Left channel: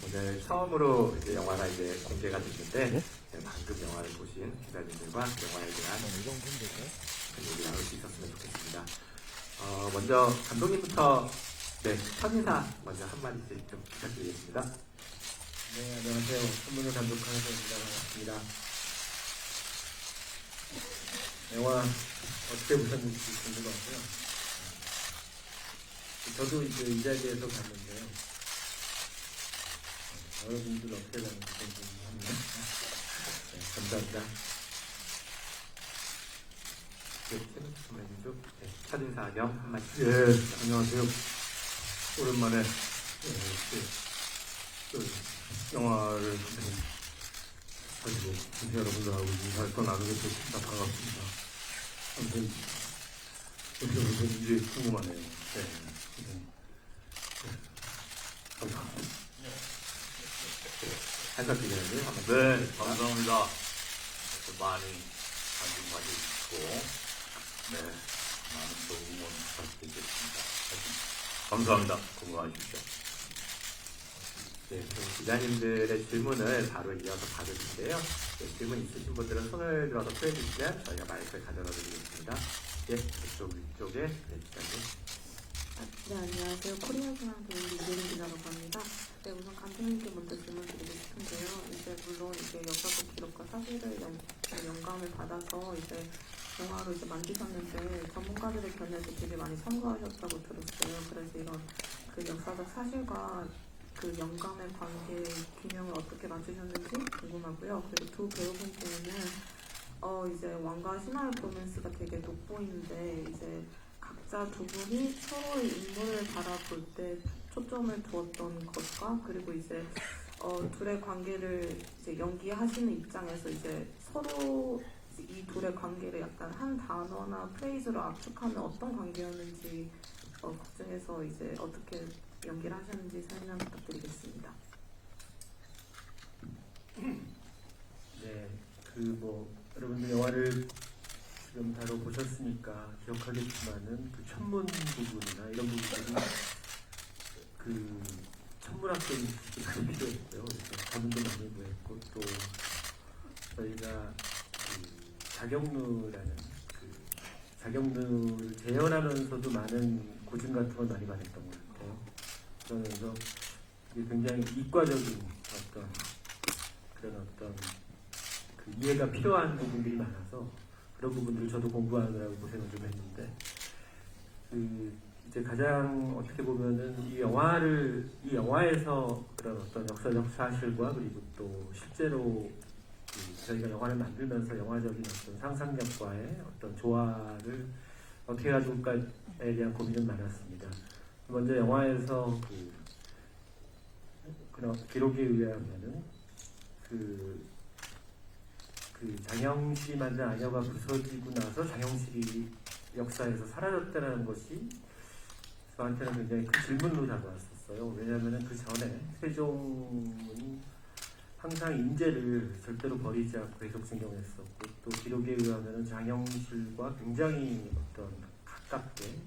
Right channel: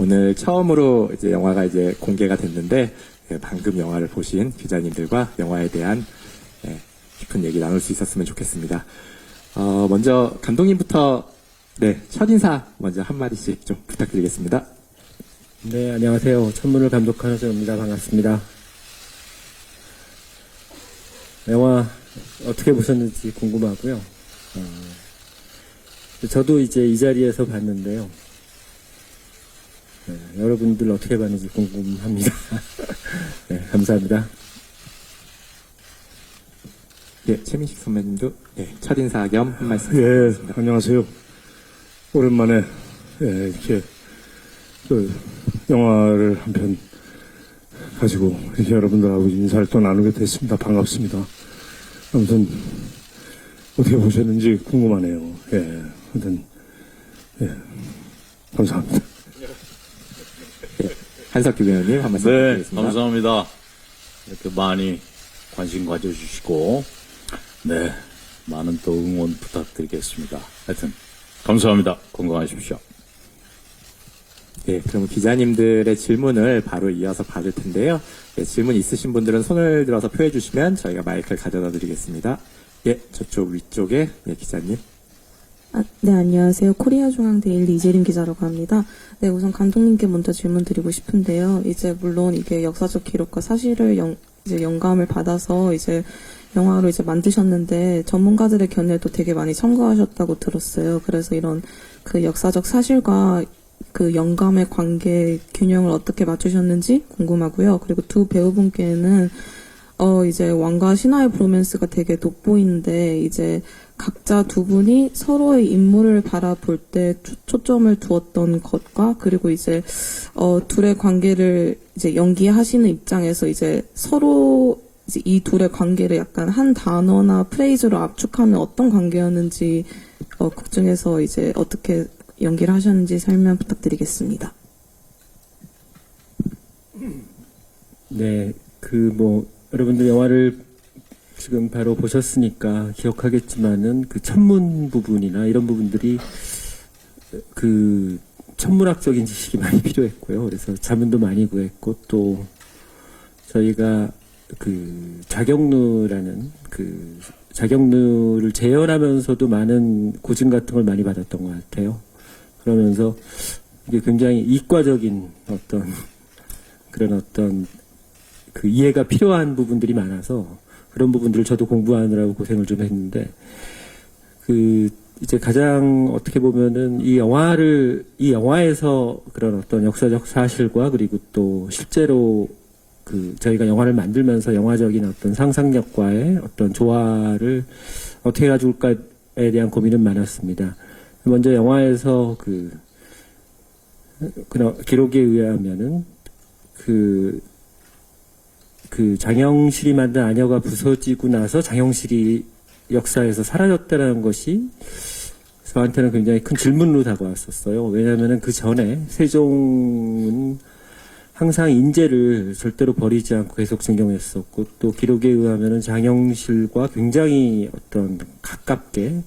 오늘 처음으로 이제 영화가 이제 공개가 됐는데 예, 방금 영화를 보신 기자님들과 영화에 대한 예, 깊은 얘기 나눌 수 있었으면 좋겠습니다. 먼저 감독님부터 네, 첫인사 먼저 한마디씩 좀 부탁드리겠습니다. 네, 안녕하세요. 천문을 감독하는 배우입니다. 반갑습니다. 영화 어떻게 보셨는지 궁금하고요. 저도 이제 이 자리에서 봤는데요. 네, 여러분들 어떻게 봤는지 궁금합니다. 네, 감사합니다. 예, 최민식 선배님도 네, 첫인사 겸 한 말씀 예, 부탁드립니다. 안녕하세요. 오랜만에 이렇게 영화를 한 편 가지고 이제 여러분들하고 인사를 또 나누게 됐습니다. 반갑습니다. 아무튼 어떻게 보셨는지 궁금하네요. 예, 아무튼 예, 감사합니다. 한석규 배우님 한 말씀 네, 부탁드리겠습니다. 감사합니다. 이렇게 많이 관심 가져주시고, 네, 많은 또 응원 부탁드리겠습니다. 하여튼, 감사합니다. 건강하십시오. 네, 그럼 기자님들의 질문을 바로 이어서 받을 텐데요. 네, 질문 있으신 분들은 손을 들어서 표해 주시면 저희가 마이크를 가져다 드리겠습니다. 예, 저쪽 위쪽에 네, 기자님. 네, 안녕하세요. 코리아 중앙데일리 이재린 기자라고 합니다. 네, 우선 감독님께 먼저 질문 드리고 싶은데요. 이제 물론 이게 역사적 기록과 사실을 이제 영감을 받아서 이제 영화로 이제 만드셨는데 전문가들의 견해도 되게 많이 참고하셨다고 들었어요. 그래서 이런 그 역사적 사실과 그 영감의 관계 균형을 어떻게 맞추셨는지 궁금하고요. 그리고 두 배우분께는 이제 왕과 신하의 브로맨스가 되게 돋보이는데 이제 각자 두 분이 서로의 인물을 바라볼 때 초점을 두었던 것과 그리고 이제 둘의 관계를 이제 연기하시는 입장에서 이제 서로 이제 이 둘의 관계를 약간 한 단어나 프레이즈로 압축하면 어떤 관계였는지 극 중에서 이제 어떻게 연기를 하셨는지 설명 부탁드리겠습니다. 네, 여러분들 영화를 지금 바로 보셨으니까 기억하겠지만은 그 천문 부분이나 이런 부분들이 그 천문학적인 지식이 많이 필요했고요. 그래서 자문도 많이 구했고 또 저희가 그 자경루라는 그 자경루를 재현하면서도 많은 고증 같은 걸 많이 받았던 것 같아요. 그러면서 이게 굉장히 이과적인 그런 그 이해가 필요한 부분들이 많아서 그런 부분들을 저도 공부하느라고 고생을 좀 했는데 이제 가장 어떻게 보면은 이 영화에서 그런 어떤 역사적 사실과 그리고 또 실제로 저희가 영화를 만들면서 영화적인 어떤 상상력과의 어떤 조화를 어떻게 가져올까에 대한 고민은 많았습니다. 먼저 영화에서 그런 기록에 의하면은 장영실이 만든 아녀가 부서지고 나서 장영실이 역사에서 사라졌다는 것이 저한테는 굉장히 큰 질문으로 다가왔었어요. 왜냐하면 그 전에 세종은 항상 인재를 절대로 버리지 않고 계속 증명했었고 또 기록에 의하면 장영실과 굉장히 어떤 가깝게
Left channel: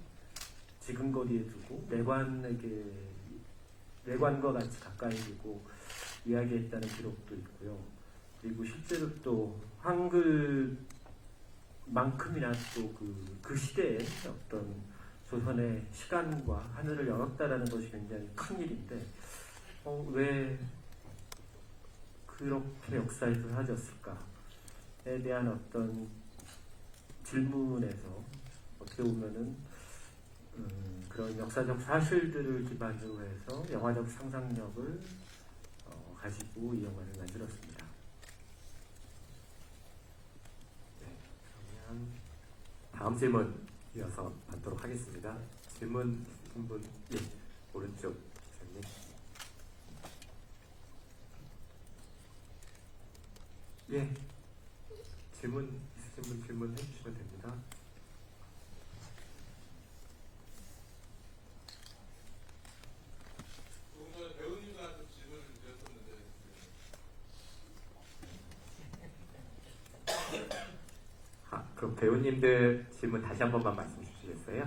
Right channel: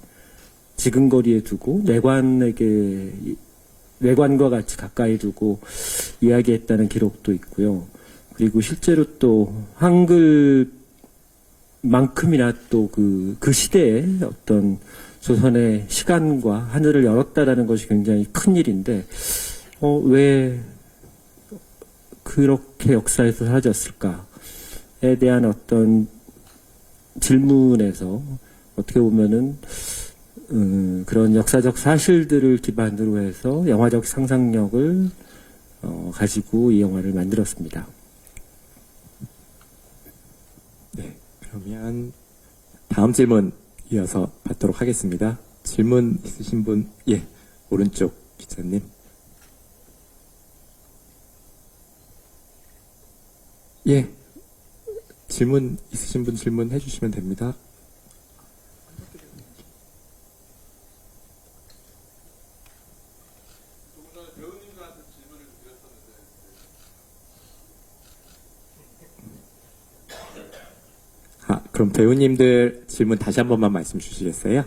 지근거리에 두고 내관과 같이 가까이 두고 이야기했다는 기록도 있고요. 그리고 실제로 또 한글만큼이나 또 그 시대에 어떤 조선의 시간과 하늘을 열었다라는 것이 굉장히 큰 일인데 왜 그렇게 역사에서 사라졌을까에 대한 어떤 질문에서 어떻게 보면은 그런 역사적 사실들을 기반으로 해서 영화적 상상력을 가지고 이 영화를 만들었습니다. 네, 그러면 다음 질문 이어서 받도록 하겠습니다. 질문 있으신 분, 예, 오른쪽 기자님. 예, 질문 있으신 분 질문해 주시면 됩니다. 그럼 배우님들 질문 다시 한 번만 말씀 주시겠어요?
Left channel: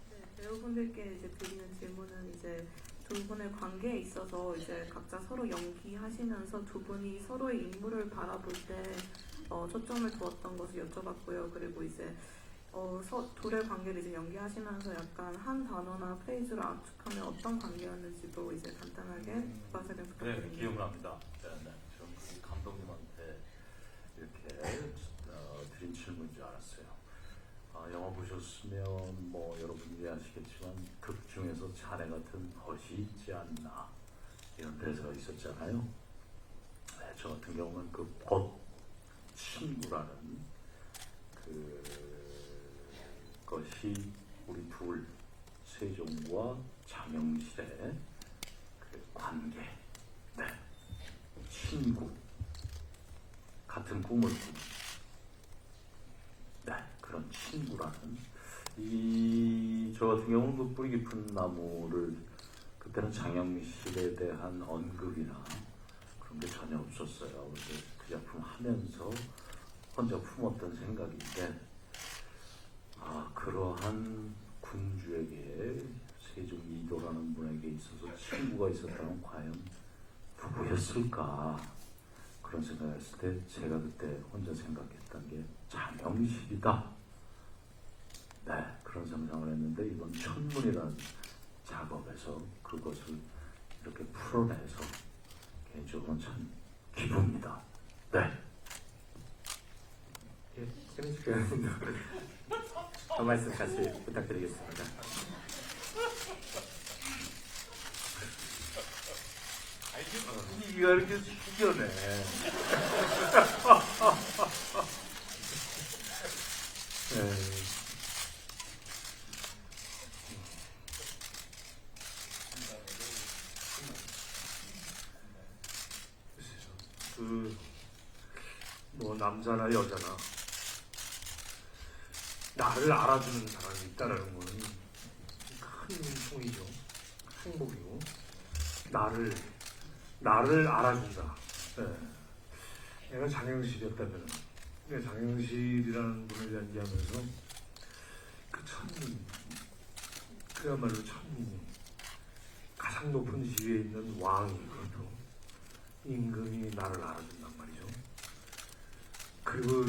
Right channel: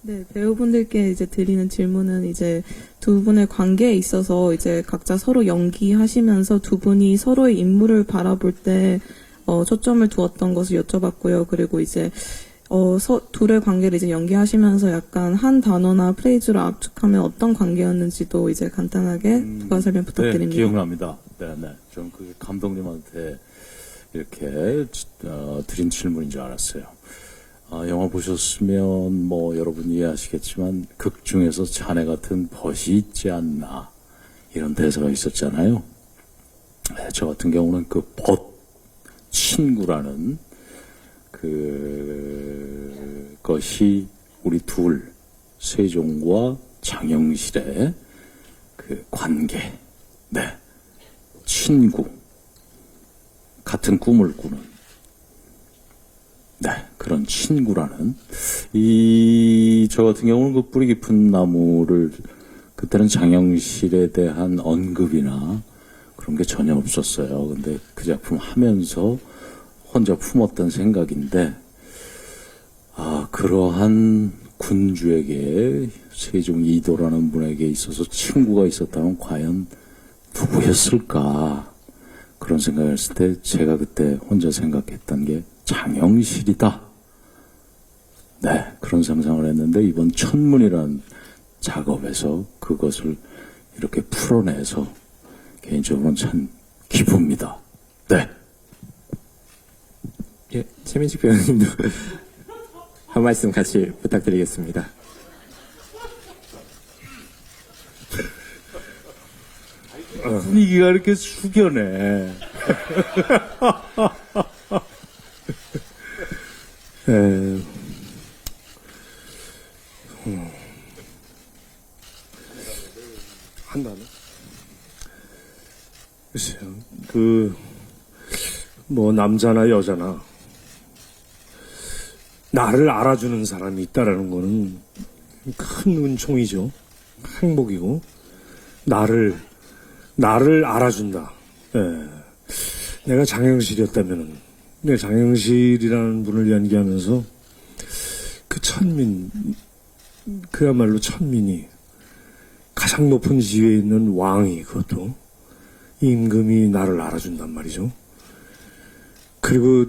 네, 배우분 배우분들께 이제 드리는 질문은 이제 두 분의 관계에 있어서 이제 각자 서로 연기하시면서 두 분이 서로의 인물을 바라볼 때 초점을 두었던 것을 여쭤봤고요. 그리고 이제 둘의 관계를 이제 연기하시면서 약간 한 단어나 프레이즈로 압축하면 어떤 관계였는지도 이제 간단하게 부가 설명 부탁드립니다. 네, 기억납니다. 네. 전 그게 감독님한테 이렇게 드린 질문인 줄 알았어요. 영화 보셨으면 뭐 여러분 이해하시겠지만 극 중에서 자네 같은 벗이 있지 않나 이런 대사가 있었잖아요. 네, 저 같은 경우는 그 벗 친구라는 그것이 우리 둘 세종과 장영실의 그 관계, 네, 친구, 같은 꿈을 꾸는, 네, 그런 친구라는 저 같은 경우는 그 뿌리 깊은 나무를 그때는 장영실에 대한 언급이나 그런 게 전혀 없었어요. 근데 그 작품 하면서 혼자 품었던 생각인데, 그러한 군주에게 세종 이도라는 분에게 있어서 친구가 있었다면 과연 누구였을까? 그런 생각을 했을 때 제가 그때 혼자 생각했던 게 장영실이다. 네, 그런 상상을 했는데 이번 천문이라는 작업에서 그것을 이렇게 풀어내서 개인적으로는 참 기쁩니다. 네. 예, 최민식 배우님도 한 말씀 같이 부탁드리겠습니다. 분위기가 이렇게 숙연해. 한다네. 글쎄요. 뭐 남자나 여자나 나를 알아주는 사람이 있다라는 거는 큰 은총이죠. 행복이고 나를 알아준다. 예. 내가 장영실이었다면은 내가 장영실이라는 분을 연기하면서 그 천민, 그야말로 천민이 가장 높은 지위에 있는 왕이, 그것도 임금이 나를 알아준단 말이죠. 그리고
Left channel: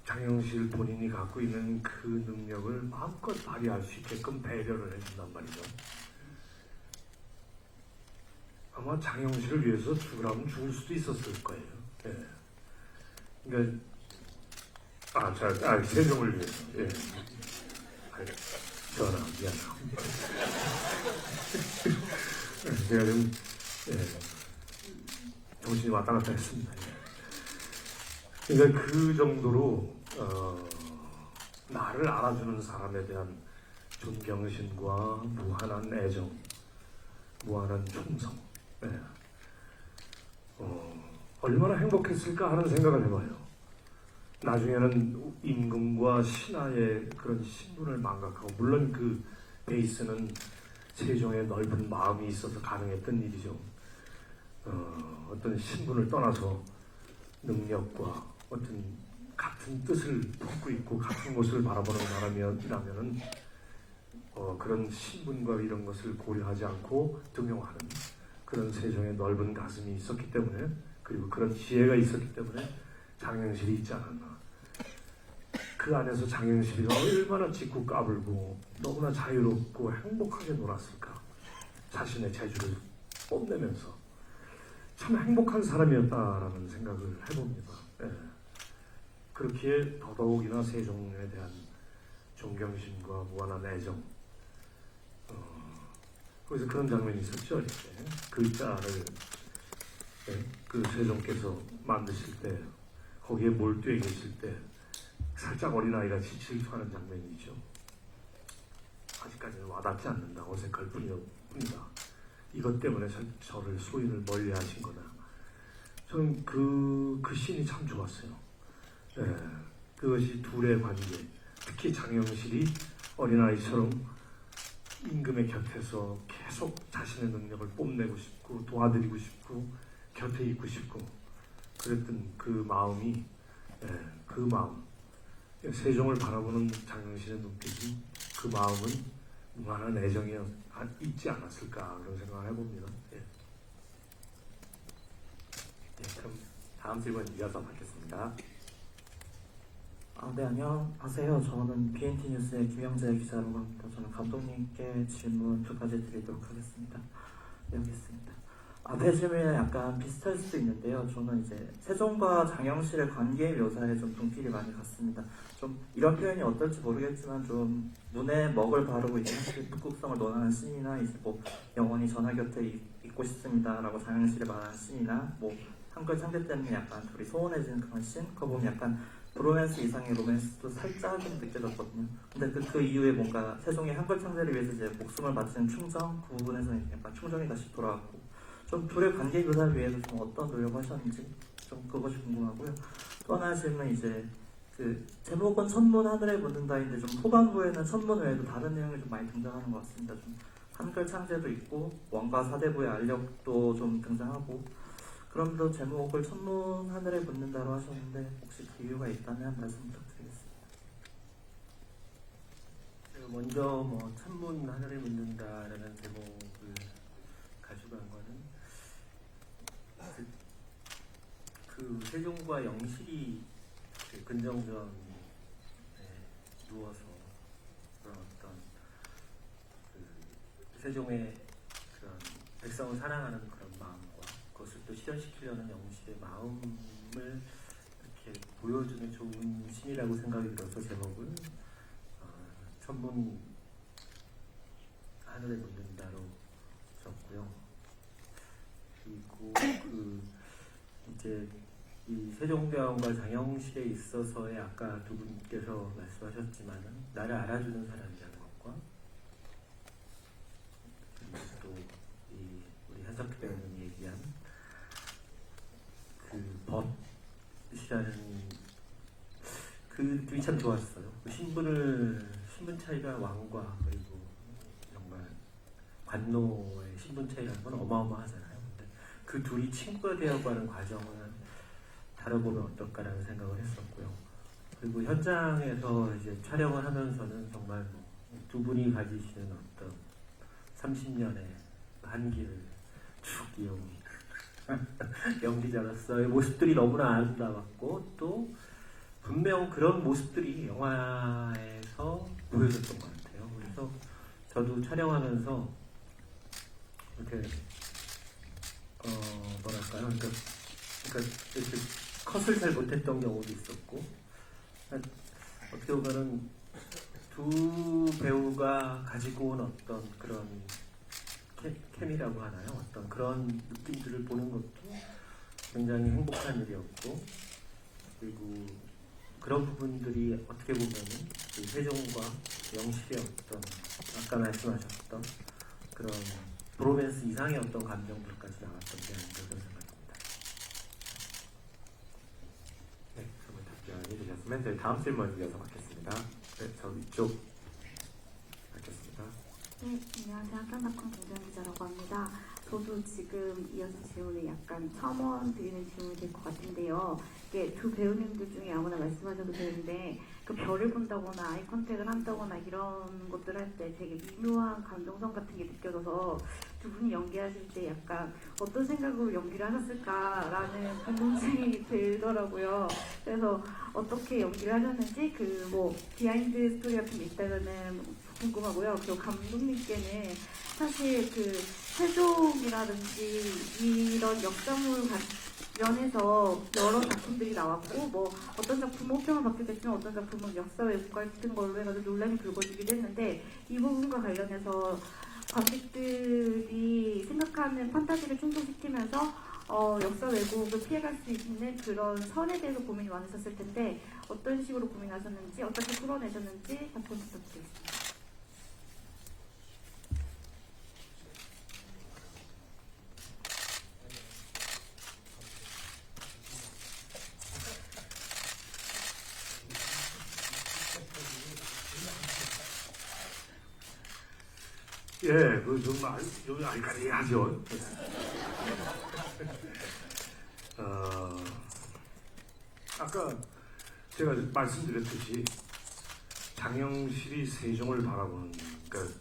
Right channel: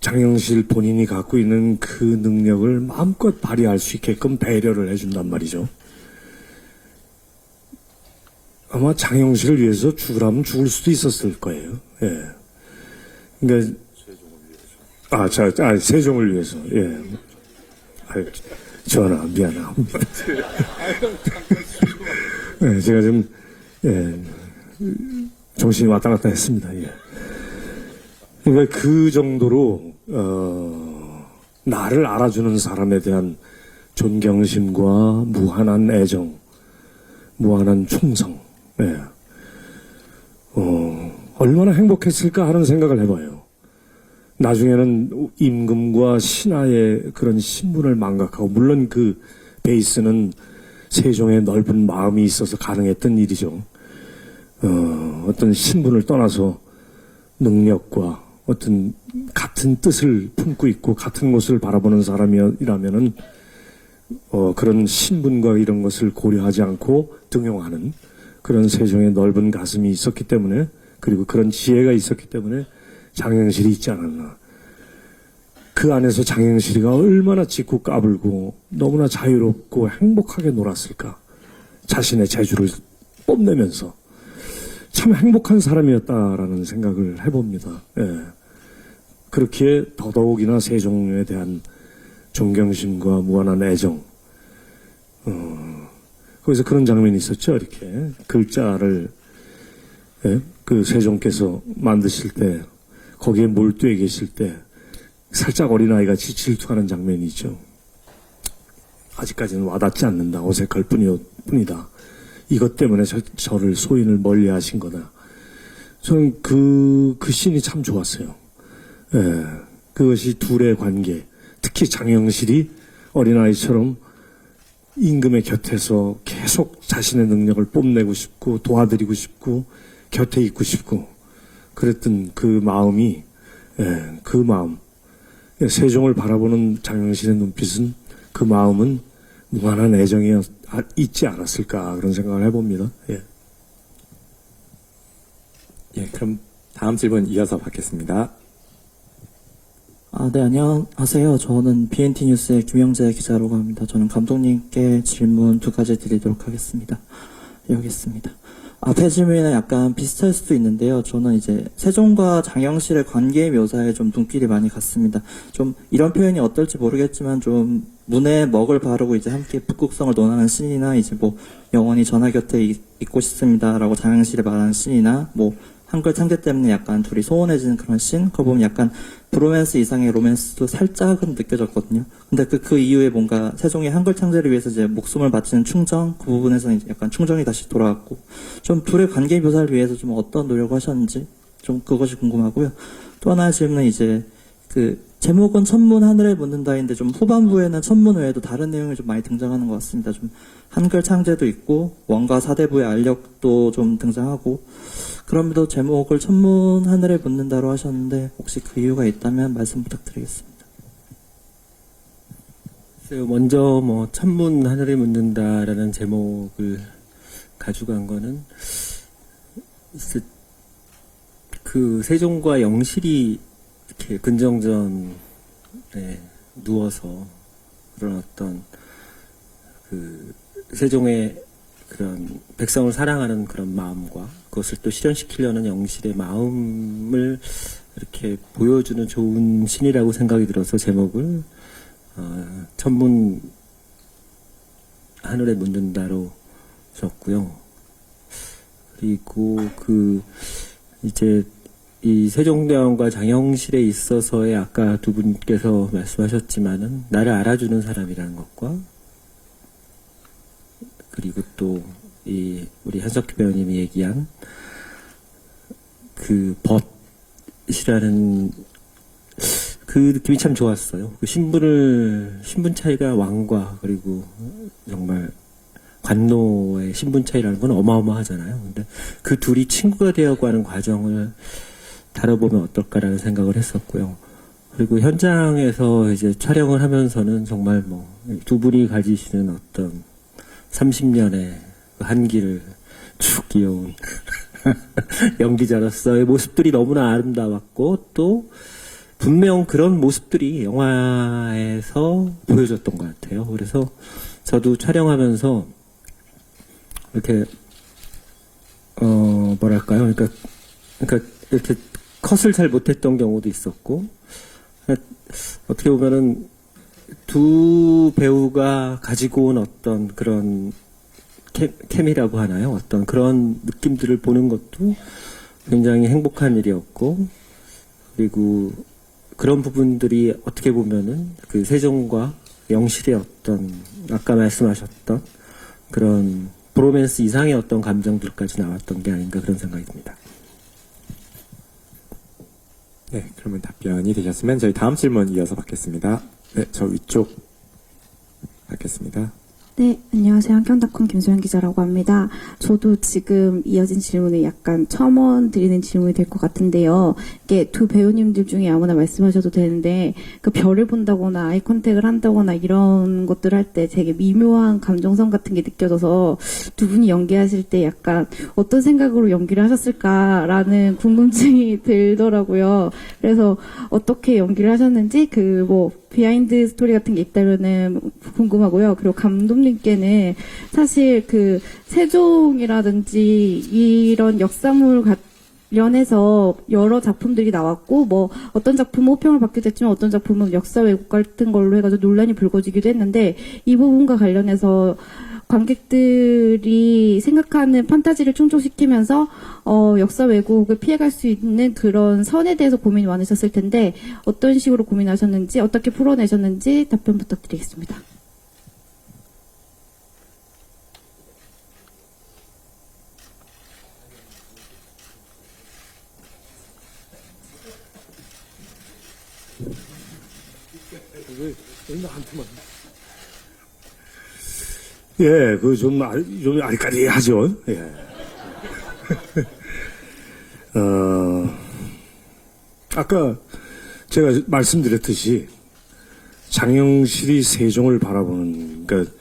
장영실 본인이 갖고 있는 그 능력을 마음껏 발휘할 수 있게끔 배려를 해준단 말이죠. 아마 장영실을 위해서 죽으라면 죽을 수도 있었을 거예요. 예. 그러니까 세종을 위해서. 예. 전하 미안합니다. 예, 제가 좀 정신이 왔다 갔다 했습니다. 예. 그러니까 그 정도로 나를 알아주는 사람에 대한 존경심과 무한한 애정, 무한한 충성. 예. 얼마나 행복했을까 하는 생각을 해봐요. 나중에는 임금과 신하의 그런 신분을 망각하고, 물론 그 베이스는 세종의 넓은 마음이 있어서 가능했던 일이죠. 어떤 신분을 떠나서 능력과 어떤 같은 뜻을 품고 있고 같은 곳을 바라보는 사람이라면은 그런 신분과 이런 것을 고려하지 않고 등용하는 그런 세종의 넓은 가슴이 있었기 때문에, 그리고 그런 지혜가 있었기 때문에 장영실이 있지 않았나. 그 안에서 장영실이가 얼마나 짖고 까불고 너무나 자유롭고 행복하게 놀았을까. 자신의 재주를 뽐내면서 참 행복한 사람이었다라는 생각을 해봅니다. 예. 그렇기에 더더욱이나 세종에 대한 존경심과 무한한 애정. 거기서 그런 장면이 있었죠. 이렇게 글자를 그 세종께서 만드실 때 거기에 몰두해 계실 때 살짝 어린아이같이 질투하는 장면이 있죠. 아직까지는 와닿지 않는다. 어색할 뿐이다. 이것 때문에 저를 소인을 멀리 하신 거다. 저는 그 씬이 참 좋았어요. 예, 그것이 둘의 관계, 특히 장영실이 어린아이처럼 임금의 곁에서 계속 자신의 능력을 뽐내고 싶고 도와드리고 싶고 곁에 있고 싶고 그랬던 그 마음이, 그 마음, 세종을 바라보는 장영실의 눈빛은, 그 마음은 무한한 애정이 있지 않았을까 그런 생각을 해봅니다. 예. 예, 그럼 다음 질문 이어서 받겠습니다. 네, 안녕하세요. 저는 BNT 뉴스의 김영재 기자라고 합니다. 저는 감독님께 질문 두 가지 드리도록 하겠습니다. 여기 있습니다. 앞에 질문이랑 약간 비슷할 수도 있는데요. 저는 이제 세종과 장영실의 관계 묘사에 좀 눈길이 많이 갔습니다. 좀 이런 표현이 어떨지 모르겠지만 좀 문에 먹을 바르고 이제 함께 북극성을 논하는 씬이나 이제 뭐 영원히 전하 곁에 있고 싶습니다라고 장영실이 말하는 씬이나 뭐 한글 창제 때문에 약간 둘이 소원해지는 그런 씬? 그거 보면 약간 브로맨스 이상의 로맨스도 살짝은 느껴졌거든요. 근데 그 이후에 뭔가 세종의 한글 창제를 위해서 이제 목숨을 바치는 충정, 그 부분에서는 이제 약간 충정이 다시 돌아왔고, 좀 둘의 관계 묘사를 위해서 좀 어떤 노력을 하셨는지, 좀 그것이 궁금하고요. 또 하나의 질문은 이제, 제목은 천문 하늘에 묻는다인데 좀 후반부에는 천문 외에도 다른 내용이 좀 많이 등장하는 것 같습니다. 좀 한글 창제도 있고, 원가 사대부의 알력도 좀 등장하고, 그럼에도 제목을 천문 하늘에 묻는다로 하셨는데 혹시 그 이유가 있다면 말씀 부탁드리겠습니다. 먼저 뭐 천문 하늘에 묻는다라는 제목을 가져간 거는 그 세종과 영실이 이렇게 근정전에 누워서 그런 어떤 그 세종의 그런 백성을 사랑하는 그런 마음과 그것을 또 실현시키려는 영실의 마음을 이렇게 보여주는 좋은 신이라고 생각이 들어서 제목을 천문 하늘에 묻는다로 줬고요. 그리고 이제 이 세종대왕과 장영실에 있어서의 아까 두 분께서 말씀하셨지만은 나를 알아주는 사람이라는 것과 그리고 또 우리 한석규 배우님이 얘기한 그 벗이라는 그 느낌이 참 좋았어요. 그 신분 차이가 왕과 그리고 정말 관노의 신분 차이라는 건 어마어마하잖아요. 근데 그 둘이 친구가 되어가는 과정을 다뤄보면 어떨까라는 생각을 했었고요. 그리고 현장에서 이제 촬영을 하면서는 정말 뭐 두 분이 가지시는 어떤 30년의 한기를 쭉 이어온 연기자로서의 모습들이 너무나 아름다웠고 또 분명 그런 모습들이 영화에서 보여줬던 것 같아요. 그래서 저도 촬영하면서 이렇게 뭐랄까요? 그러니까 이렇게 컷을 잘 못했던 경우도 있었고 어떻게 보면은 두 배우가 가지고 온 어떤 그런 케미라고 하나요? 어떤 그런 느낌들을 보는 것도 굉장히 행복한 일이었고 그리고 그런 부분들이 어떻게 보면은 그 세종과 영실의 어떤 아까 말씀하셨던 그런 브로맨스 이상의 어떤 감정들까지 나왔던 게 아닌가 그런 생각이 듭니다. 네, 그러면 답변이 되셨으면 저희 다음 질문 이어서 받겠습니다. 네, 저 위쪽 받겠습니다. 네, 안녕하세요. 한경닷컴 김소연 기자라고 합니다. 저도 지금 이어진 질문에 약간 첨언 드리는 질문이 될 것 같은데요. 이게 두 배우님들 중에 아무나 말씀하셔도 되는데 그 별을 본다거나 아이 컨택을 한다거나 이런 것들 할 때 되게 미묘한 감정선 같은 게 느껴져서 두 분이 연기하실 때 약간 어떤 생각으로 연기를 하셨을까라는 궁금증이 들더라고요. 그래서 어떻게 연기를 하셨는지 그 뭐 비하인드 스토리 같은 게 있다면은 궁금하고요. 그리고 감독님께는 사실 그 세종이라든지 이런 역사물 관련해서 여러 작품들이 나왔고 뭐 어떤 작품은 호평을 받기도 했지만 어떤 작품은 역사 왜곡 같은 걸로 해가지고 논란이 불거지기도 했는데 이 부분과 관련해서 관객들이 생각하는 판타지를 충족시키면서 역사 왜곡을 피해갈 수 있는 그런 선에 대해서 고민이 많으셨을 텐데 어떤 식으로 고민하셨는지 어떻게 풀어내셨는지 답변 부탁드리겠습니다. 예, 좀 아리까리하죠. 예. 아까 제가 말씀드렸듯이 장영실이 세종을 바라보는, 그러니까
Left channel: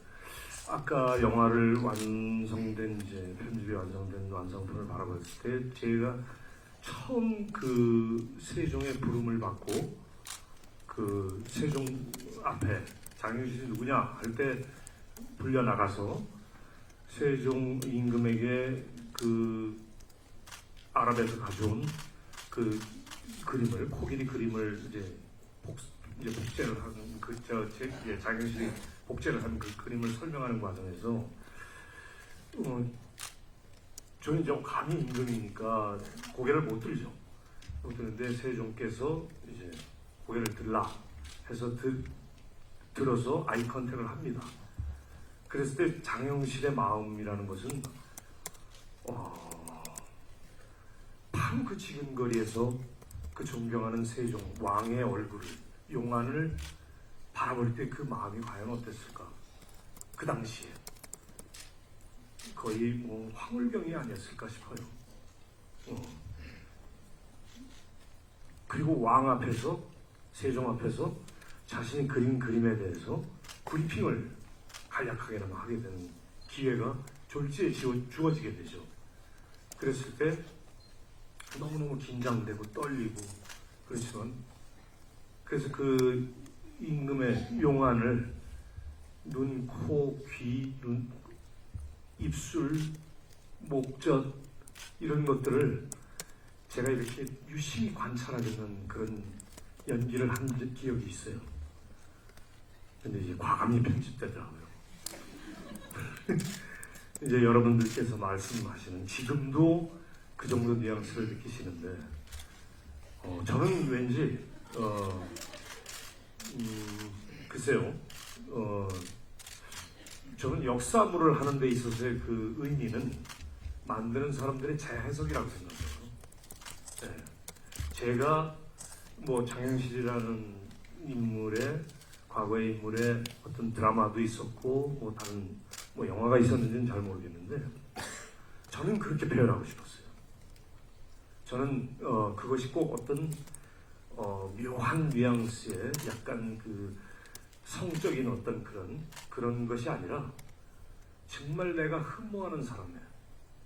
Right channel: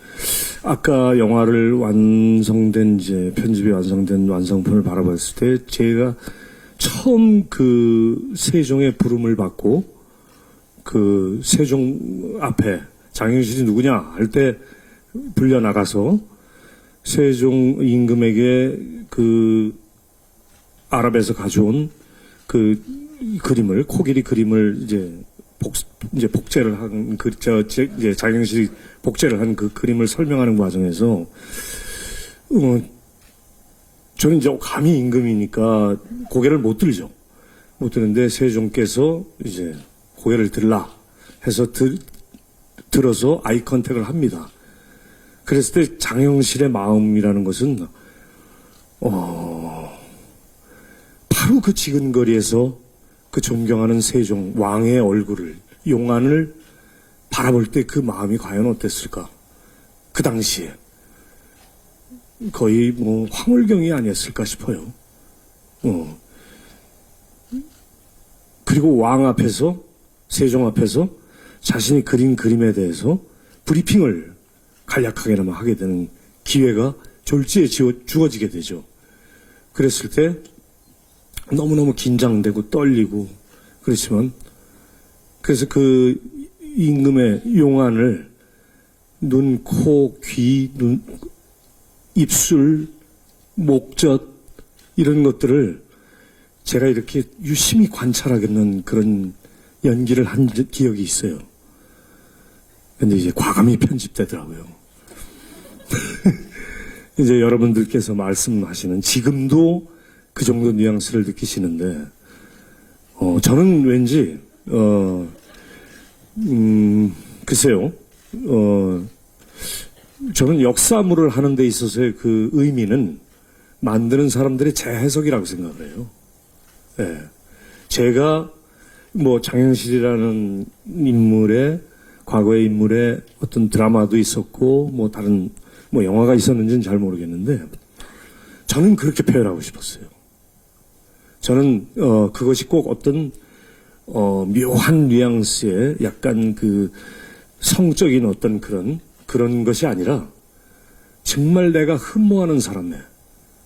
아까 영화를 완성된 이제 편집이 완성된 완성품을 바라봤을 때 제가 처음 그 세종의 부름을 받고 그 세종 앞에 장영실이 누구냐 할 때 불려 나가서 세종 임금에게 그 아랍에서 가져온 그 그림을 코끼리 그림을 이제 복제를 한 이제 장영실이 복제를 한 그 그림을 설명하는 과정에서 저는 이제 감히 임금이니까 고개를 못 들죠. 못 드는데 세종께서 이제 고개를 들라 해서 들어서 아이 컨택을 합니다. 그랬을 때 장영실의 마음이라는 것은 바로 그 지근거리에서 그 존경하는 세종 왕의 얼굴을 용안을 바라볼 때 그 마음이 과연 어땠을까? 그 당시에 거의 뭐 황홀경이 아니었을까 싶어요. 그리고 왕 앞에서 세종 앞에서 자신이 그린 그림에 대해서 브리핑을 간략하게나마 하게 되는 기회가 졸지에 주어지게 되죠. 그랬을 때 너무너무 긴장되고 떨리고 그렇지만 그래서 그 임금의 용안을 눈, 코, 귀, 입술, 목젖 이런 것들을 제가 이렇게 유심히 관찰하겠는 그런 연기를 한 기억이 있어요. 근데 이제 과감히 편집되더라고요. 이제 여러분들께서 말씀하시는 지금도 그 정도 뉘앙스를 느끼시는데 저는 왠지 글쎄요. 저는 역사물을 하는 데 있어서의 그 의미는 만드는 사람들의 재해석이라고 생각해요. 예. 제가 뭐 장영실이라는 인물의 과거의 인물의 어떤 드라마도 있었고 뭐 다른 뭐 영화가 있었는지는 잘 모르겠는데 저는 그렇게 표현하고 싶었어요. 저는 그것이 꼭 어떤 묘한 뉘앙스의 약간 그 성적인 어떤 그런 것이 아니라 정말 내가 흠모하는 사람에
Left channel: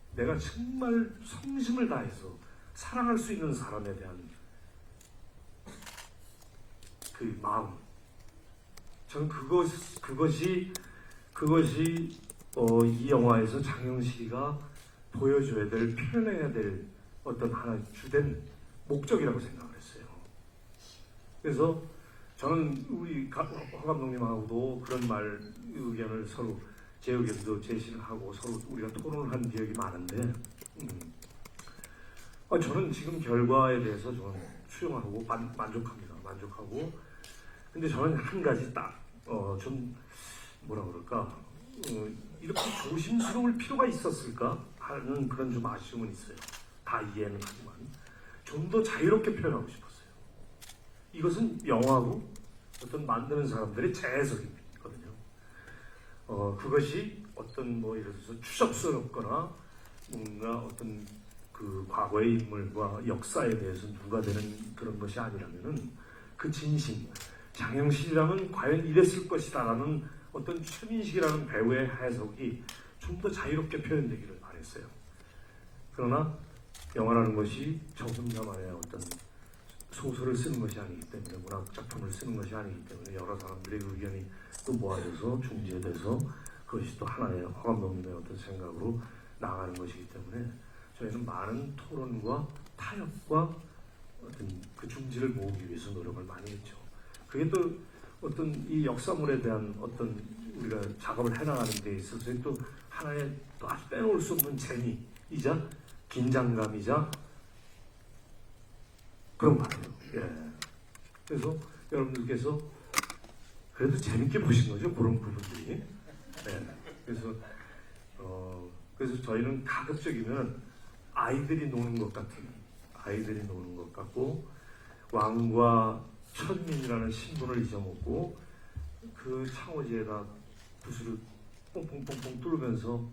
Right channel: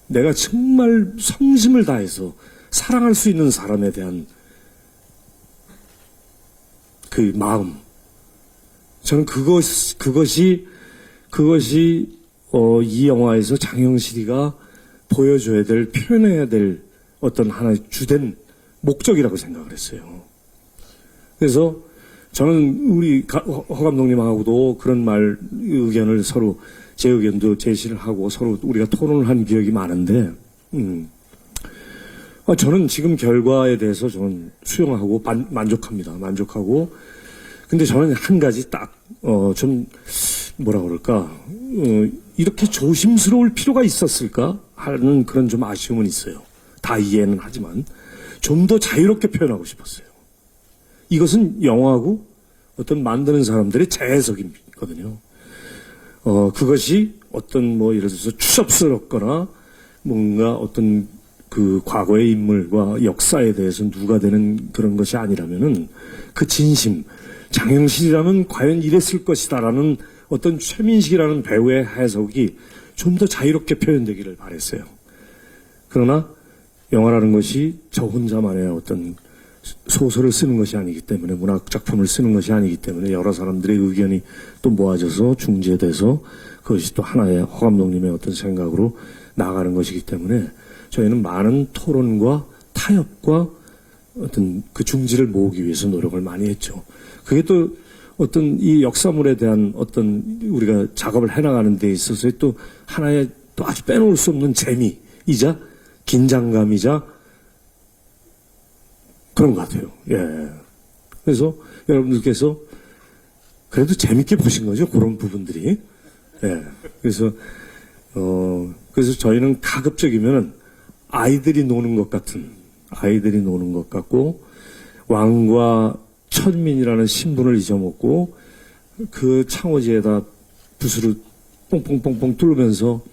내가 정말 성심을 다해서 사랑할 수 있는 사람에 대한 그 마음. 저는 그것이 이 영화에서 장영실이가 보여줘야 될, 표현해야 될 어떤 하나의 주된 목적이라고 생각을 했어요. 그래서 저는 우리 허 감독님하고도 그런 의견을 서로 제 의견도 제시를 하고 서로 우리가 토론을 한 기억이 많은데, 저는 지금 결과에 대해서 저는 수용하고 만족합니다. 만족하고. 근데 저는 한 가지 좀 뭐라 그럴까, 이렇게 조심스러울 필요가 있었을까 하는 그런 좀 아쉬움은 있어요. 다 이해는 하지만 좀 더 자유롭게 표현하고 싶었어요. 이것은 영화고 어떤 만드는 사람들의 재해석이거든요. 그것이 어떤 뭐 예를 들어서 추잡스럽거나 뭔가 어떤 그 과거의 인물과 역사에 대해서 누가 되는 그런 것이 아니라면은 그 진심, 장영실이라면 과연 이랬을 것이다라는 어떤 최민식이라는 배우의 해석이 좀 더 자유롭게 표현되기를 바랬어요. 그러나 영화라는 것이 저 혼자만의 어떤 소설을 쓰는 것이 아니기 때문에, 문학 작품을 쓰는 것이 아니기 때문에 여러 사람들의 의견이 또 모아져서 중재돼서 그것이 또 하나의 허 감독님의 어떤 생각으로 나아가는 것이기 때문에 저희는 많은 토론과 타협과 어떤 그 중지를 모으기 위해서 노력을 많이 했죠. 그게 또 어떤 이 역사물에 대한 어떤 우리가 작업을 해나가는 데 있어서의 또 하나의 또 아주 빼놓을 수 없는 재미이자 긴장감이자 그런 것 같아요. 예. 그래서 여러분들께서 그래도 재밌게 보신 거죠. 그런 부분들이. 예. 그래서 저희는 가급적이면 아이들이 노는 것 같고, 왕과 천민이라는 신분을 잊어먹고, 그 창호지에다 붓으로 뽕뽕뽕뽕 뚫으면서,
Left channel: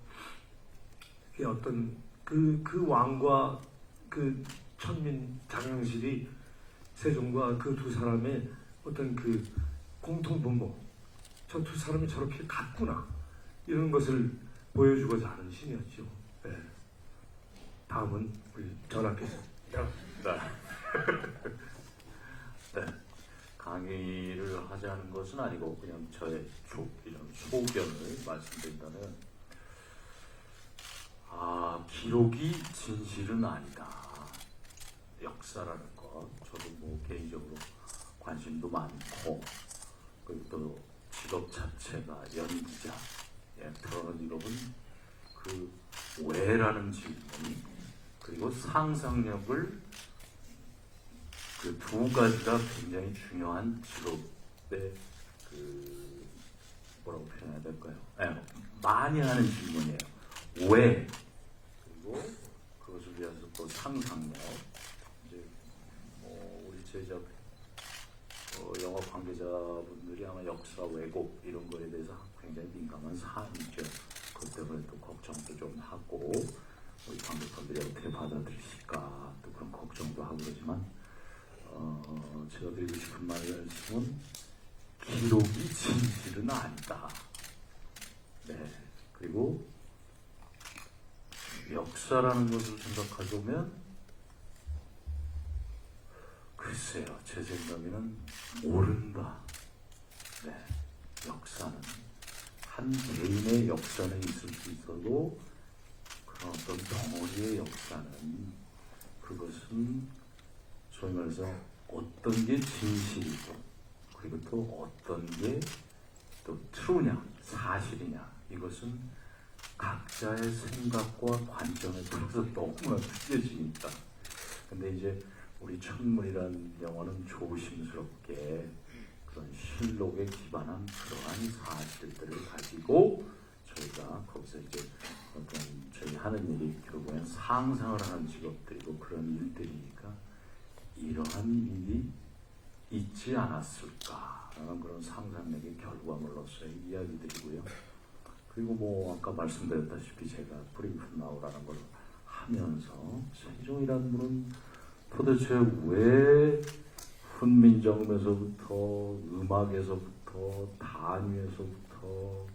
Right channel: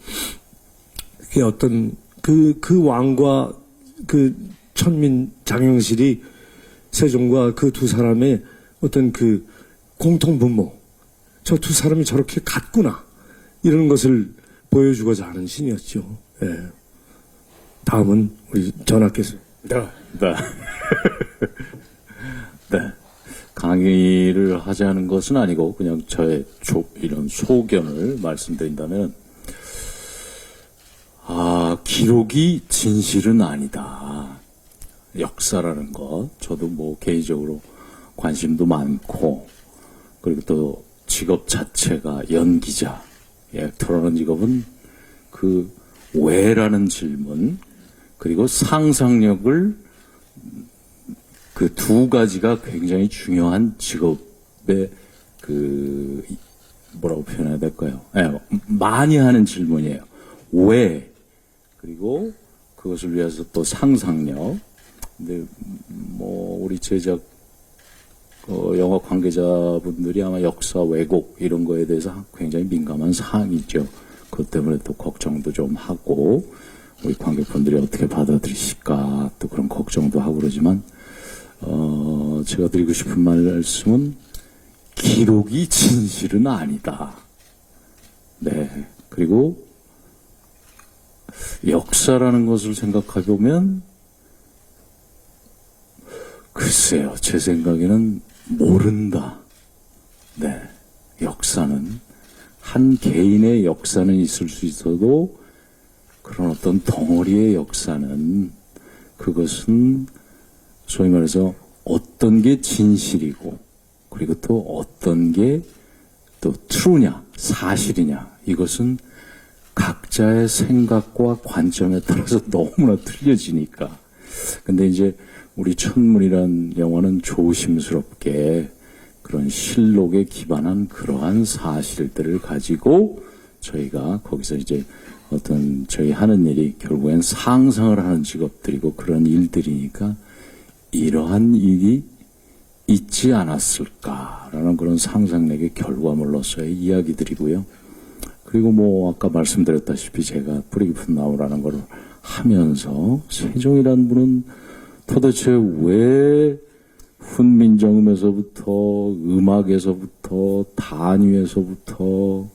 그게 어떤, 그 왕과 그 천민 장영실이 세종과 그 두 사람의 어떤 그 공통분모, 저 두 사람이 저렇게 같구나, 이런 것을 보여주고자 하는 신이었죠. 예. 다음은 우리 전하께서. 네. 네. 강의를 하자는 것은 아니고 그냥 저의 이런 소견을 말씀드린다면, 기록이 진실은 아니다. 역사라는 것, 저도 뭐 개인적으로 관심도 많고, 그리고 또 직업 자체가 연기자, 액터라는 직업은 그 왜라는 질문, 그리고 상상력을, 그 두 가지가 굉장히 중요한 직업의 뭐라고 표현해야 될까요? 많이 하는 질문이에요. 왜? 그리고 그것을 위해서 또 상상력. 근데 뭐 우리 제작 영화 관계자분들이 아마 역사 왜곡 이런 거에 대해서 굉장히 민감한 사항이죠. 그것 때문에 또 걱정도 좀 하고, 우리 관객분들이 어떻게 받아들이실까 또 그런 걱정도 하고 그러지만, 제가 드리고 싶은 말씀은 기록이 진실은 아니다. 네. 그리고 역사라는 것을 생각해 보면, 글쎄요, 제 생각에는 모른다. 네. 역사는, 한 개인의 역사는 있을 수 있어도 그런 어떤 덩어리의 역사는, 그것은 소위 말해서 어떤 게 진실이고, 그리고 또 어떤 게 또 true냐, 사실이냐, 이것은 각자의 생각과 관점에 따라서 너무나 틀려지니까. 근데 이제 우리 천문이란 영화는 조심스럽게 그런 실록에 기반한 그러한 사실들을 가지고 저희가 거기서 이제 어떤 저희 하는 일이 결국엔 상상을 하는 직업들이고 그런 일들이니까 이러한 일이 있지 않았을까라는 그런 상상력의 결과물로서의 이야기들이고요. 그리고 뭐 아까 말씀드렸다시피 제가 뿌리 깊은 나무라는 걸 하면서 세종이라는 분은 도대체 왜 훈민정음에서부터 음악에서부터 단위에서부터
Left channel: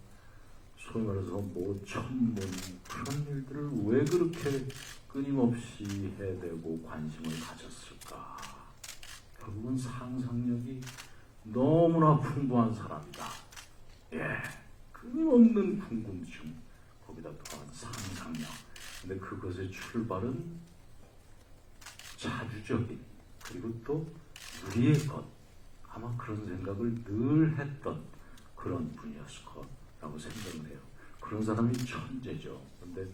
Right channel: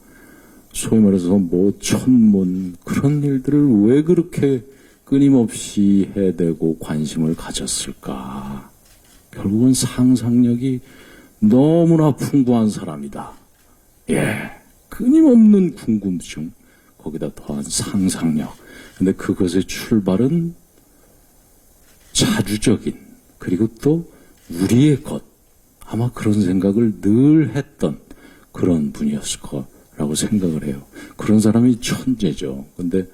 소위 말해서 뭐 천문 그런 일들을 왜 그렇게 끊임없이 해대고 관심을 가졌을까? 결국은 상상력이 너무나 풍부한 사람이다. 끊임없는 궁금증, 거기다 더한 상상력. 근데 그것의 출발은 자주적인, 그리고 또 우리의 것, 아마 그런 생각을 늘 했던 그런 분이었을 거라고 생각을 해요. 그런 사람이 천재죠. 근데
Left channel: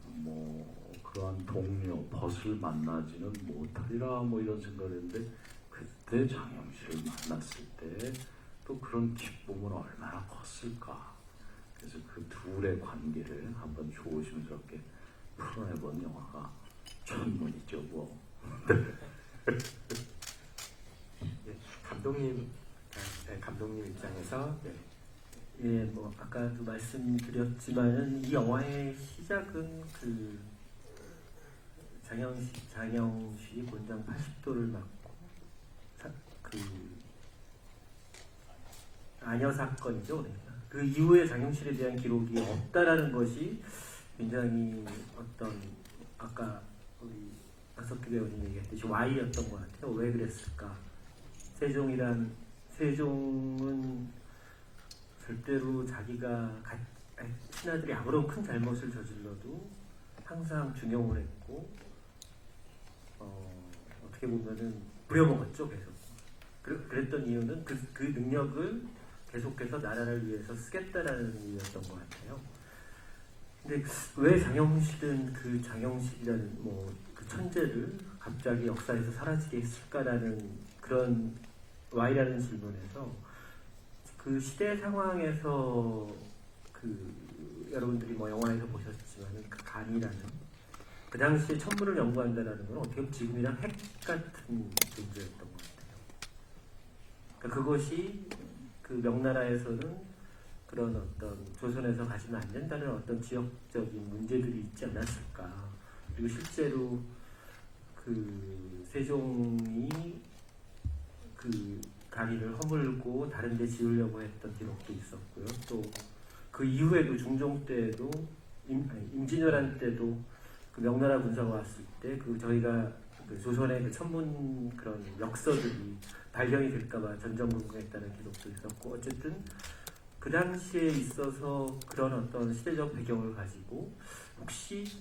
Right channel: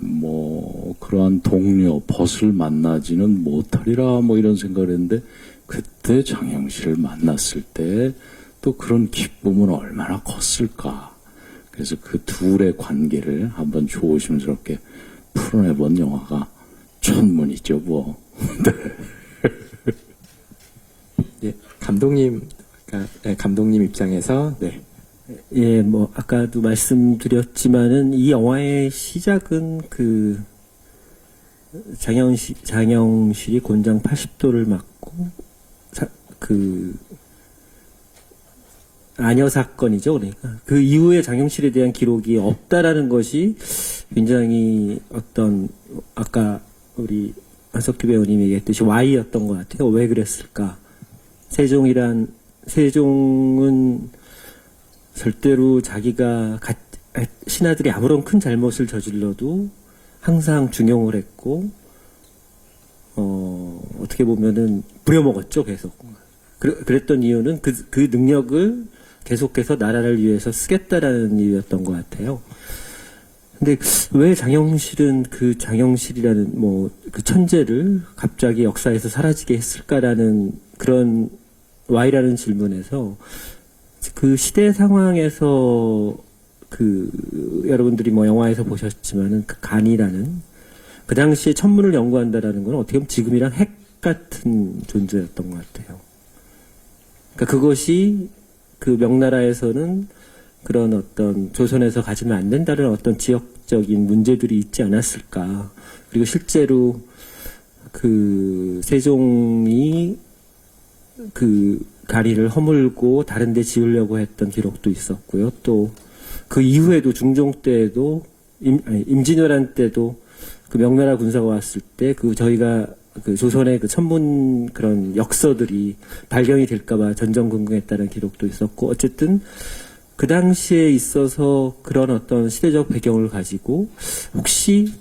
뭐 그러한 동료 벗을 만나지는 못하리라 뭐 이런 생각을 했는데, 그때 장영실을 만났을 때 또 그런 기쁨은 얼마나 컸을까. 그래서 그 둘의 관계를 한번 조심스럽게 풀어내본 영화가 천문이죠, 뭐. 예, 감독님 입장에서 네. 예, 뭐 아까도 말씀드렸지만은 이 영화의 시작은 그 장영실이 곤장 80도를 맞고 그 아녀 사건이죠. 그러니까 그 이후에 장영실에 대한 기록이 없다라는 것이 굉장히 어떤 아까 우리 한석규 배우님이 얘기했듯이 Y였던 것 같아요. 왜 그랬을까? 세종은 절대로 자기가 신하들이 아무런 큰 잘못을 저질러도 항상 중용을 했고, 어떻게 보면은 부려먹었죠, 계속. 그랬던 이유는 그 능력을 계속해서 나라를 위해서 쓰겠다라는 이유였던 것 같아요. 근데 왜 장영실은 그 장영실이라는 뭐 그 천재를 갑자기 역사에서 사라지게 했을까라는 그런 Y라는 질문에서 그 시대 상황에서 여러분들이 뭐 영화에서 보셨지만은 그 간이라는 그 당시에 천문을 연구한다라는 건 어떻게 보면 지금이랑 핵 같은 존재였던 것 같아요. 그러니까 그것이 그 명나라에서는 그런 어떤 조선에서 가지면 안 된다는 어떤 지역적인 문제들이 있지 않았을까. 그리고 실제로 그 세종이 그 가리를 허물고 다른 데 지으려고 했던 기록도 있었고요. 또 그 이후에도 중종 때도 임진왜란 때도 그 명나라 군사가 왔을 때 그 저희가 그 조선의 그 천문 그런 역서들이 발견이 될까봐 전전긍긍했다는 기록도 있었고 어쨌든 그 당시에 있어서 그런 어떤 시대적 배경을 가지고 혹시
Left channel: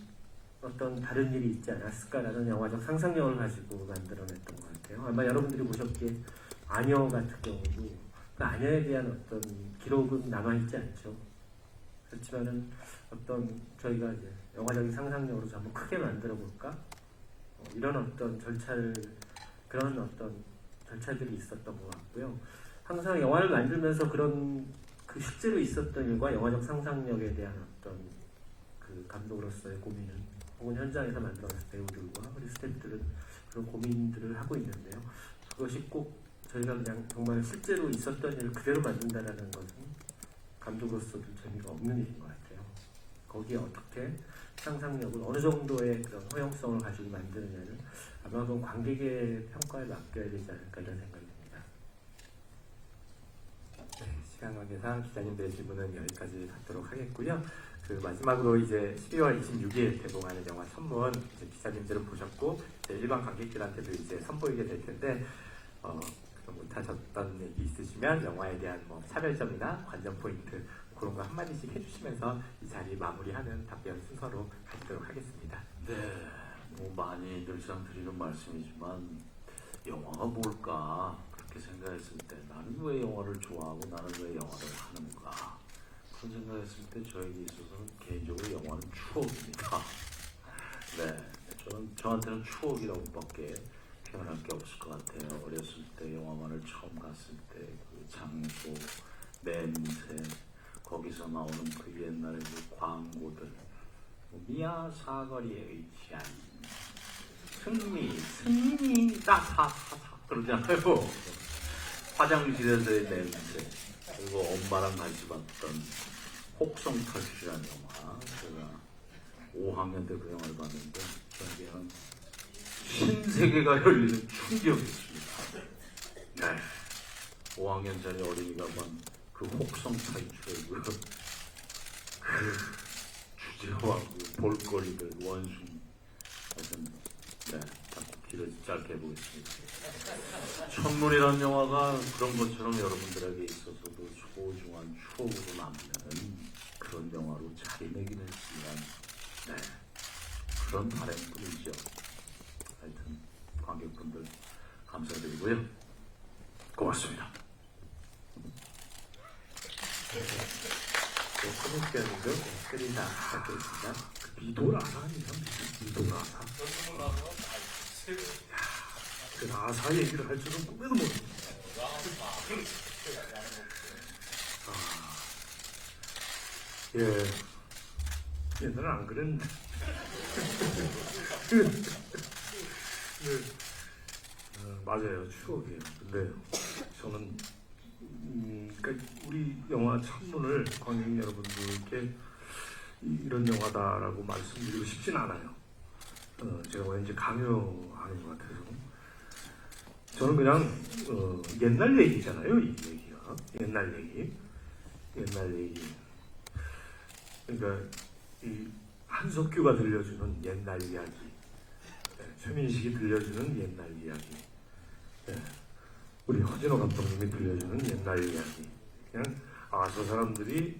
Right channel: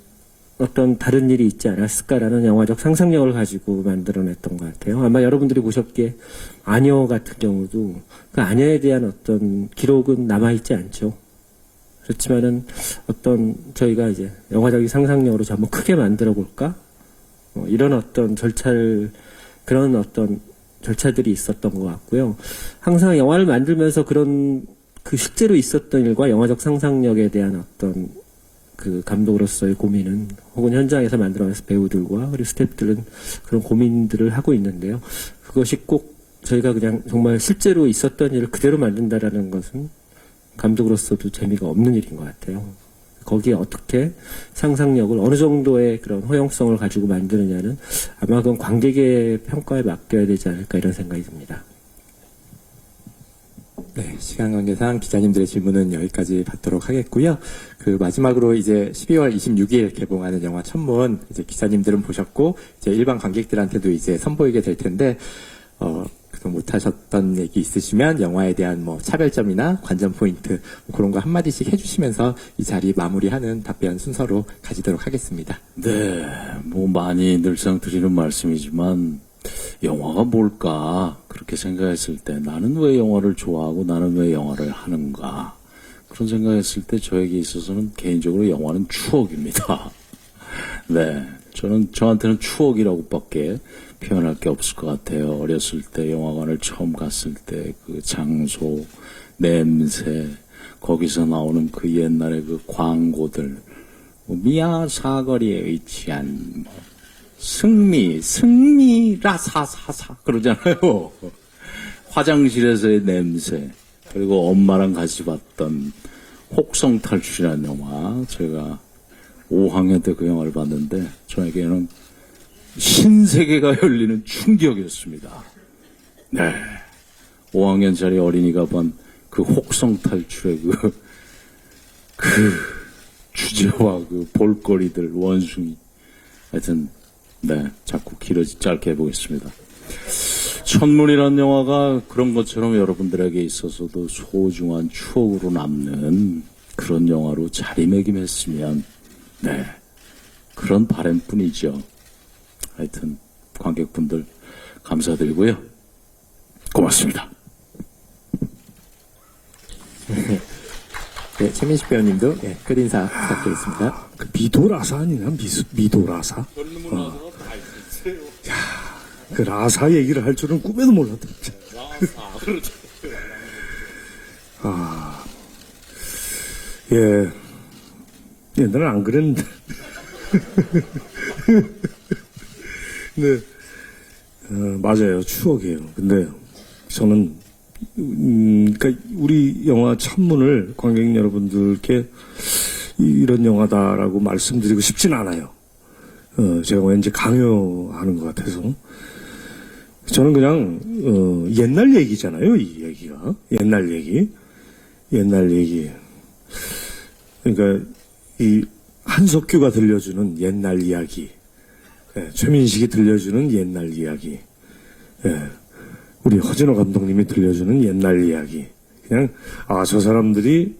어떤 다른 일이 있지 않았을까라는 영화적 상상력을 가지고 만들어냈던 것 같아요. 아마 여러분들이 보셨기에 아녀 같은 경우도 그 아녀에 대한 어떤 기록은 남아있지 않죠. 그렇지만은 어떤 저희가 이제 영화적인 상상력으로 한번 크게 만들어 볼까? 이런 어떤 그런 어떤 절차들이 있었던 것 같고요. 항상 영화를 만들면서 그런 그 실제로 있었던 일과 영화적 상상력에 대한 어떤 그 감독으로서의 고민은 혹은 현장에서 만들어내서 배우들과 그리고 스태프들은 그런 고민들을 하고 있는데요. 그것이 꼭 저희가 그냥 정말 실제로 있었던 일을 그대로 만든다라는 것은 감독으로서도 재미가 없는 일인 것 같아요. 거기에 어떻게 상상력을 어느 정도의 그런 허용성을 가지고 만드느냐는 아마 그건 관객의 평가에 맡겨야 되지 않을까 이런 생각이 듭니다. 네, 시간 관계상 기자님들의 질문은 여기까지 받도록 하겠고요. 그 마지막으로 이제 12월 26일 개봉하는 영화 천문 이제 기자님들은 보셨고 이제 일반 관객들한테도 이제 선보이게 될 텐데 그동 못하셨던 얘기 있으시면 영화에 대한 뭐 차별점이나 관전 포인트 그런 거 한마디씩 해주시면서 이 자리 마무리하는 답변 순서로 가지도록 하겠습니다. 네, 뭐 많이 늘상 드리는 말씀이지만 영화가 뭘까 그렇게 생각했을 때 나는 왜 영화를 좋아하고 나는 왜 영화를 하는가 그런 생각했을 때 저에게 있어서는 개인적으로 영화는 추억입니다. 네, 저한테는 추억이라고밖에 표현할 게 없을 것 같아요. 어렸을 때 영화관을 처음 갔을 때 그 장소, 냄새, 거기서 나오는 그 옛날의 그 광고들, 뭐 미아 사거리에 위치한 승리, 라사사사 그러잖아요. 화장실에서의 냄새, 그리고 엄마랑 같이 봤던 혹성 탈출이라는 영화, 제가 5학년 때 그 영화를 봤는데 저에게는 신세계가 열리는 충격이었습니다. 네. 5학년짜리 어린이가 본 그 혹성 탈출의 그 주제와 그 볼거리들, 원숭이. 하여튼, 네. 자꾸 짧게 해보겠습니다. 천문이라는 영화가 그런 것처럼 여러분들에게 있어서도 소중한 추억으로 남는 그런 영화로 자리매김했으면, 네. 그런 바람뿐이죠. 하여튼 관객분들 감사드리고요. 고맙습니다. 네, 최민식 배우님도 끝인사 부탁드리겠습니다. 그 미도라사 아니냐? 미도라사? 야, 그 라사 얘기를 할 줄은 꿈에도 몰랐다. 예. 옛날엔 안 그랬는데. 네. 맞아요. 추억이에요. 근데 저는 그러니까 우리 영화 천문을 관객 여러분들께 이런 영화다라고 말씀드리고 싶진 않아요. 제가 왠지 강요하는 것 같아서. 저는 그냥 옛날 얘기잖아요. 이 얘기가 옛날 얘기. 그러니까 이 한석규가 들려주는 옛날 이야기. 최민식이 들려주는 옛날 이야기. 우리 허진호 감독님이 들려주는 옛날 이야기. 그냥 저 사람들이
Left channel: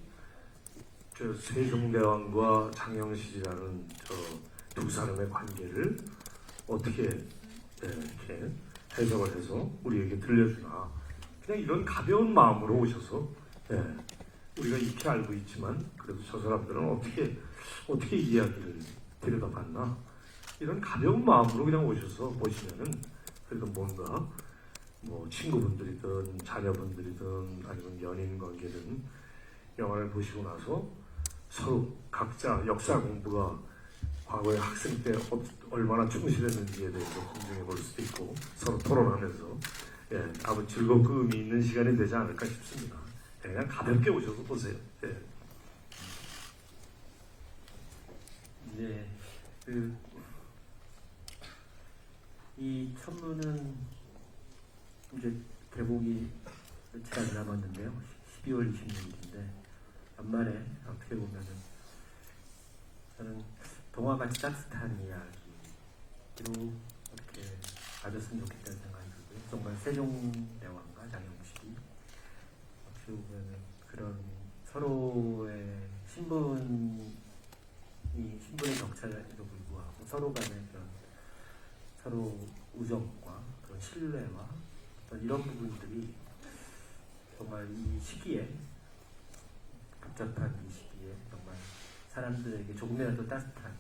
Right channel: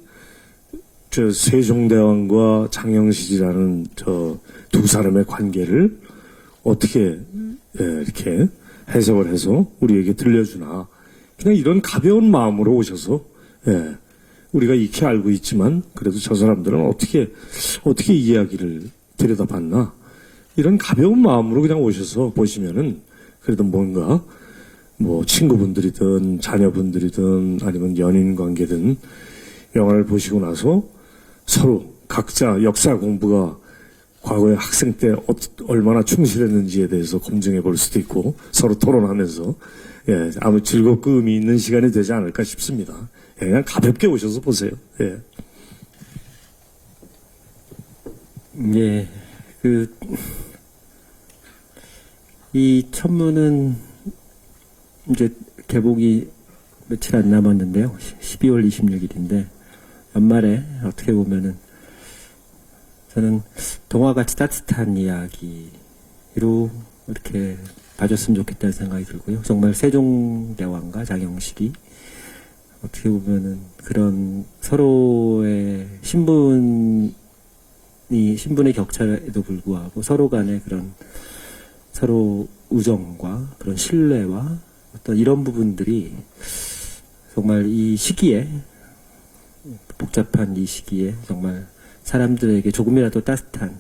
저 세종대왕과 장영실이라는 저 두 사람의 관계를 어떻게 이렇게 해석을 해서 우리에게 들려주나. 그냥 이런 가벼운 마음으로 오셔서 우리가 익히 알고 있지만 그래도 저 사람들은 어떻게 이 이야기를 들여다봤나. 이런 가벼운 마음으로 그냥 오셔서 보시면은 그래도 뭔가 뭐 친구분들이든 자녀분들이든 아니면 연인 관계든 영화를 보시고 나서 서로 각자 역사 공부가 과거에 학생 때 얼마나 충실했는지에 대해서 검증해 볼 수도 있고 서로 토론하면서 아무 즐겁고 의미 있는 시간이 되지 않을까 싶습니다. 그냥 가볍게 오셔서 보세요. 예, 이 천문은 이제 개봉이 며칠 안 남았는데요. 12월 26일인데 연말에 어떻게 보면은 저는 동화같이 따뜻한 이야기로 이렇게 봐줬으면 좋겠다는 생각이 들고요. 정말 세종대왕과 장영식이 어떻게 보면은 그런 서로의 신분의 격차에도 불구하고 서로 간의 그런 서로 우정과 그런 신뢰와 어떤 이런 부분들이 정말 이 시기에 복잡한 이 시기에 정말 사람들에게 조금이라도 따뜻한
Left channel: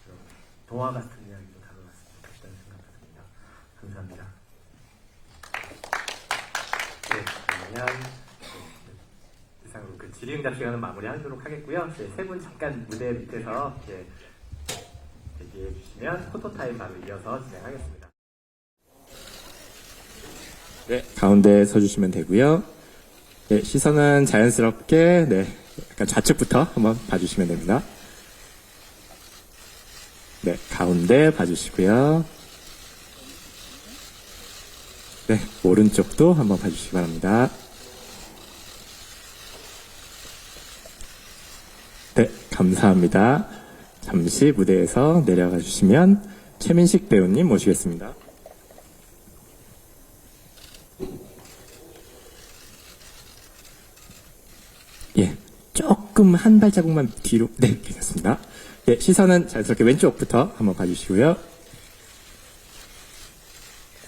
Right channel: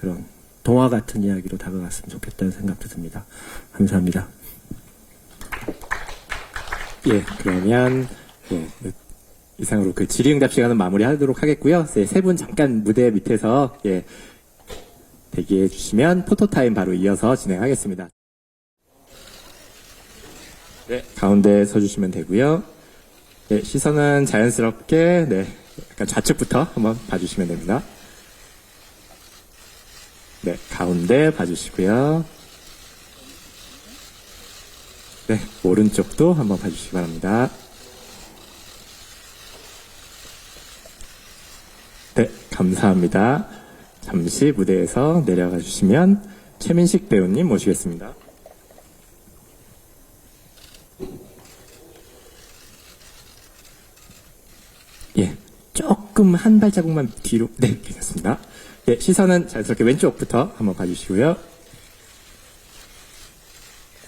그런 동화 같은 이야기로 다가갔으면 좋겠다는 생각도 듭니다. 감사합니다. 예, 그러면 예, 이상으로 그 질의응답 시간은 마무리하도록 하겠고요. 세 분 잠깐 무대 밑에서 예, 대기해 주시면 포토타임 바로 이어서 진행하겠습니다. 네, 가운데 서주시면 되고요. 네, 시선은 자연스럽게 네, 약간 좌측부터 한번 봐주시면 됩니다. 네, 가운데 봐주시고요. 네, 오른쪽도 한번 봐주시기 바랍니다. 네, 감사합니다. 잠시 무대에서 내려가 주시면 최민식 배우님 모시겠습니다. 예, 조금 한 발자국만 뒤로. 네, 괜찮습니다. 예, 시선은 자연스럽게 왼쪽부터 한번 봐주시고요.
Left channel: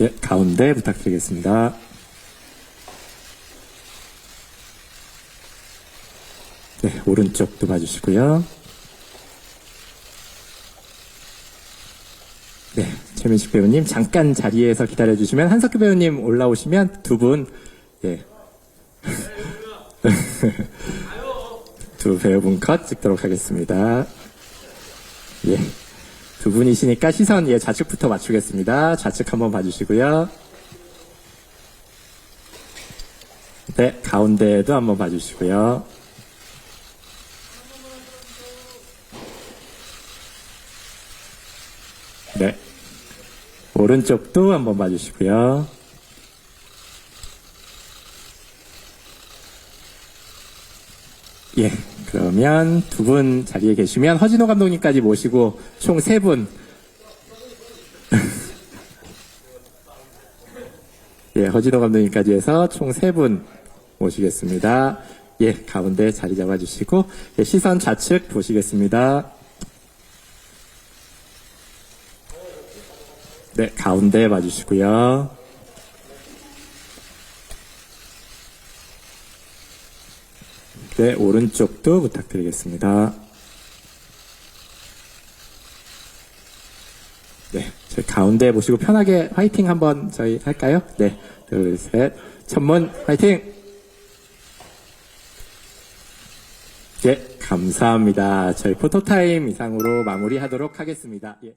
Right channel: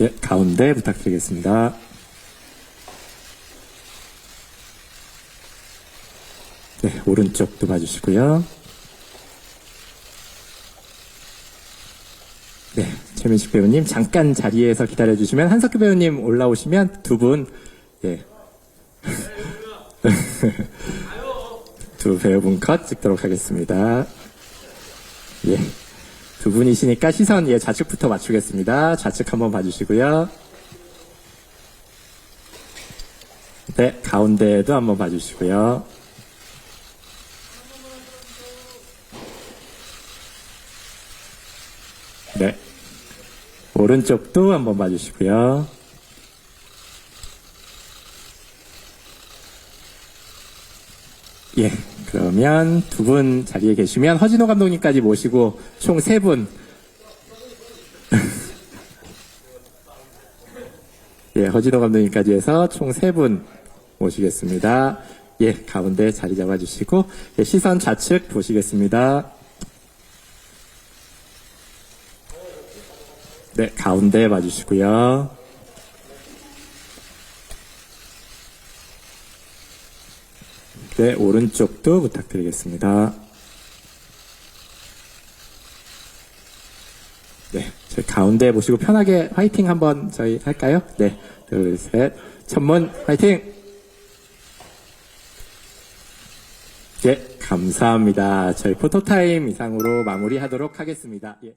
예, 가운데 부탁드리겠습니다. 네, 오른쪽도 봐주시고요. 네, 최민식 배우님 잠깐 자리에서 기다려주시면 한석규 배우님 올라오시면 두 분, 예. 두 배우분 컷 찍도록 하겠습니다. 예. 두 분이시니까 시선, 예, 좌측부터 맞추겠습니다. 좌측 한번 봐주시고요. 네, 가운데도 한번 봐주시고요. 네. 오른쪽도 한번 봐주시고요. 예. 그러면 두 분 자리에 계시면 허진호 감독님까지 모시고 총 세 분. 예, 허진호 감독님까지 해서 총 세 분 모시겠습니다. 예, 가운데 자리 잡아주시고, 예, 시선 좌측 보시겠습니다. 네, 가운데 봐주시고요. 네, 오른쪽도 부탁드리겠습니다. 네, 저희 가운데 보시고 편하게 화이팅 한번 저희 할까요? 네, 둘, 셋. 천문 화이팅! 예, 감사합니다. 저희 포토타임 이상으로 마무리하도록 하겠습니다. 예.